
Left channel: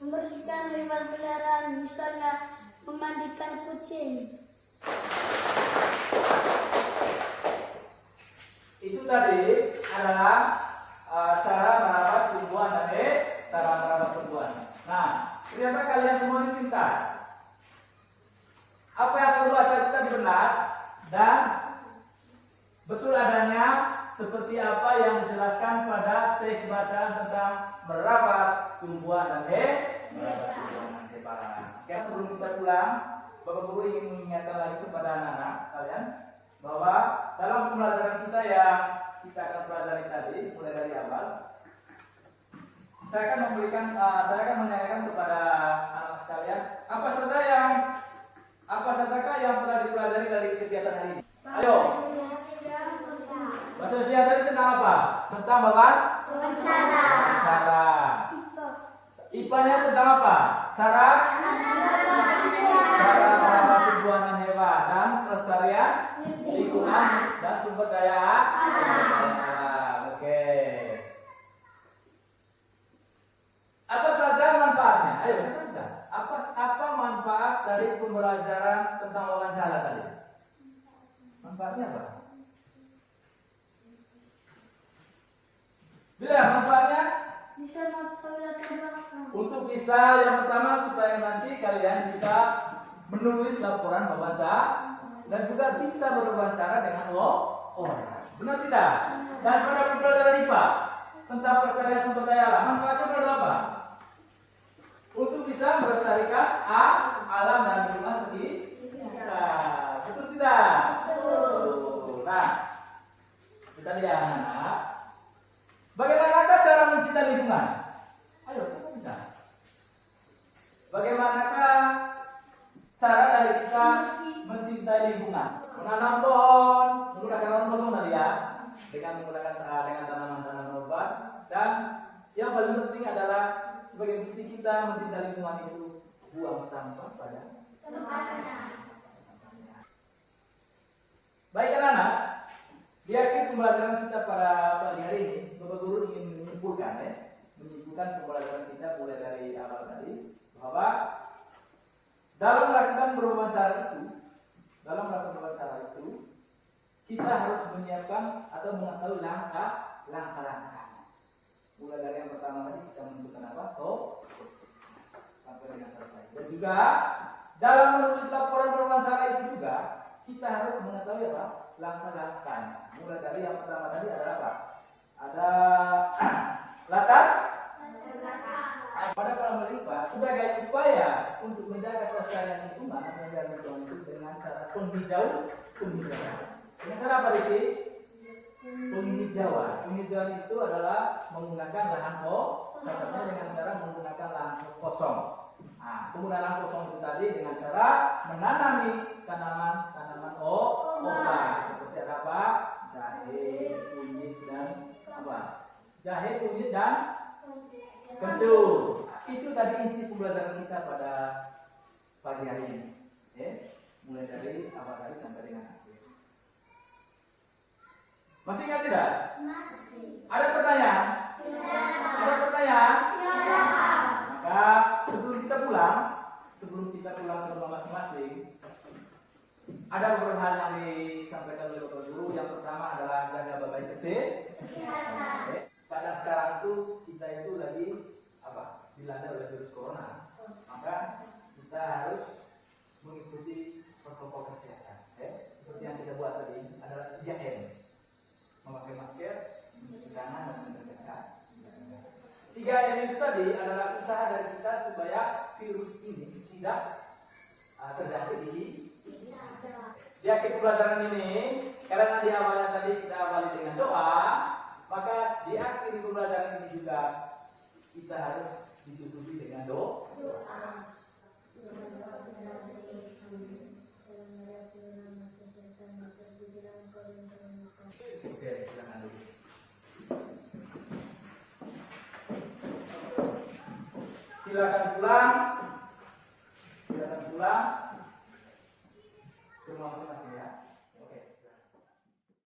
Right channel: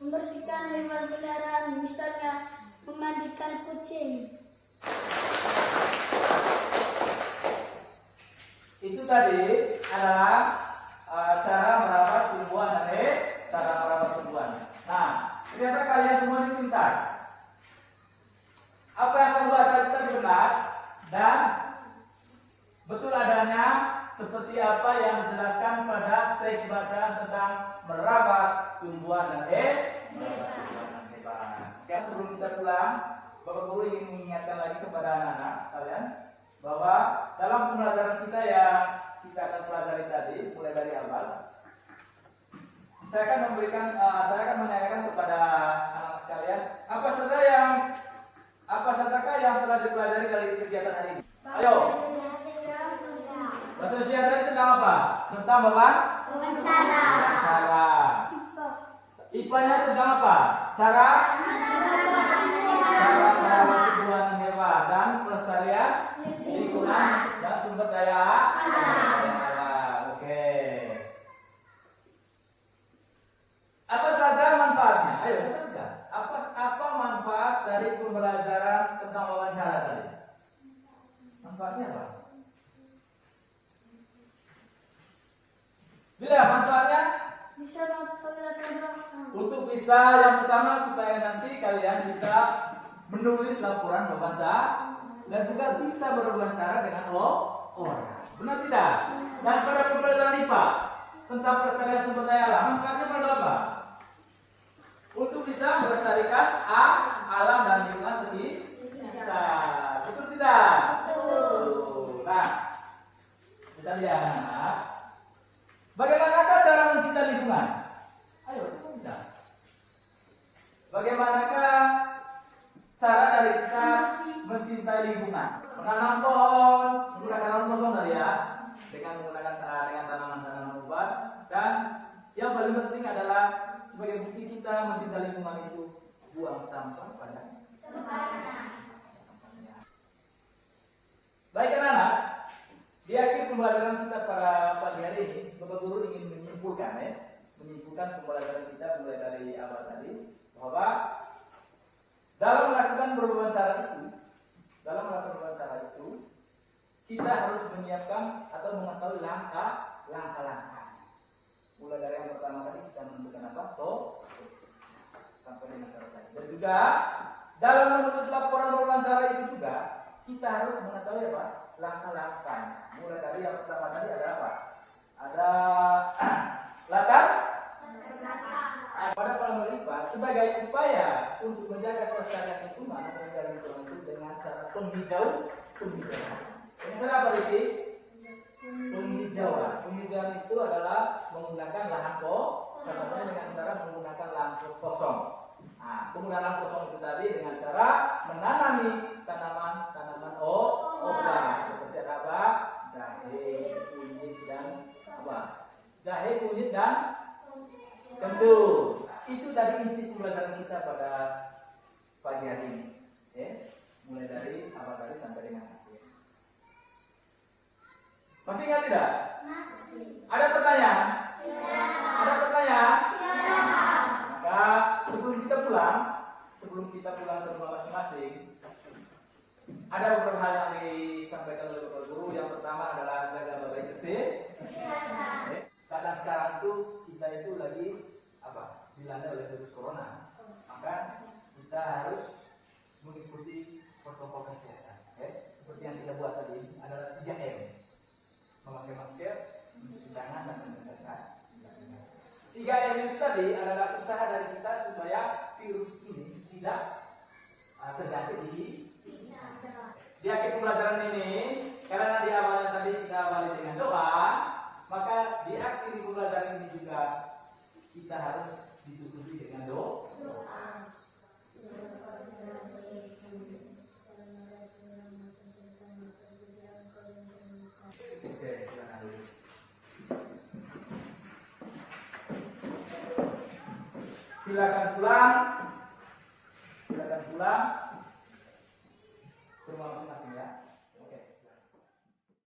membersihkan hewan peliharaan misalnya memandikan kucing. Itu tadi adalah cara merawat tumbuhan dan cara merawat tumbuhan. Nah, ternyata kalian semua ini pintar. Apa yang kamu baca itu tadi benar dan betul adanya seperti apa yang dijelaskan pada teks bacaan tentang merawat tumbuhan dan merawat tumbuhan dan hewan. Oke, sebelum kita pulang, Bapak Guru ingin mengingatkan lagi kepada anak-anak kalian bahwa dalam pembelajaran kita yang kita akan pelajari tadi mulai dari awal, saya akan menanyakan kepada anak-anak sekalian apa sajakah yang telah dipelajari dari kegiatan hari ini. Ayo. Bahasa Indonesia tadi tentang apa? Tentang wawancara. IPA-nya tentang apa? Cara merawat tumbuhan dan hewan dan pelestarian lingkungan dan sumber daya alam. Oke. Apa saja manfaatnya? Ayo kita bisa. Apa manfaat dari pembelajaran tentang wawancara tadi? Manfaatnya apa? Bila manfaatnya Bisa untuk bisa yang pertama supaya nanti kalian bisa menulis laporan wawancara dan juga bisa berwawancara dengan orang. Benar tidak? Dan pada pembelajaran IPA tentang pelestarian sumber daya alam, manfaatnya pada apa? Untuk bisa melestarikan alam dan lingkungan sekitar. Betul tidak? Betul. Nah, kita lihat. Bagaimanakah cara mencintai lingkungan? Ayo, kita bisa. Bagaimanakah cara dari kita mencintai lingkungan? Menanam pohon, menggunakan tanaman kosong tadi ya, dengan tanaman-tanaman obat. Dan yang paling penting adalah sebagai bukti kita mencintai lingkungan itu buang sampah pada tempatnya. Baik anak-anak, di akhir pembelajaran kita pada pagi hari ini, Bapak Guru ingin menyimpulkan pembelajaran kita mulai dari awal tadi bahwa dalam melakukan berwawancara itu kita harus menyiapkan atau mengetahui langkah-langkah. Mulai dari yang pertama tadi kita menentukan apa? Sampai dengan selesai. Dan juga dalam menulis laporan wawancara itu juga kita harus mengetahui apa? Langkah-langkah. Mulai dari yang pertama tadi ada apa? Ada latar pada kolam IPA sebagai upaya untuk menjaga kelestarian lingkungan atau menjaga lingkungan itu dengan cara penghijauan. Dengan cara apa ini? Penghijauan. Penghijauan itu adalah menggunakan lahan kosong dengan cara menggunakan lahan kosong. Nah, penggunaan lahan kosong itu tadi dengan cara menanami tanaman obat seperti apa? Jahe, kunyit dan kencur. Itu tadi inti pembelajaran kita pada pagi hari ini. Mulai dari awal tadi sampai dengan akhir. Masih ingat tidak? Masih. Ada pertanyaan? Ada pertanyaan? Maka sebelum kita pulang ke rumah masing-masing, ada beberapa hal yang disampaikan oleh Bapak Guru. Yang pertama adalah jaga baik kesehatan. protokol kesehatan. Seperti yang kita buat tadi adalah 3M. Memakai masker, mencuci tangan, dan menjaga. 3M itu tadi adalah usaha dari kita supaya virus ini tidak terjangkit di di akhir pelajaran ini. Karena di awalnya tadi kita awali dengan doa, maka di akhir pelajaran ini juga kita harus ditutupi dengan doa. Silakan pulang. Silakan pulang. Semua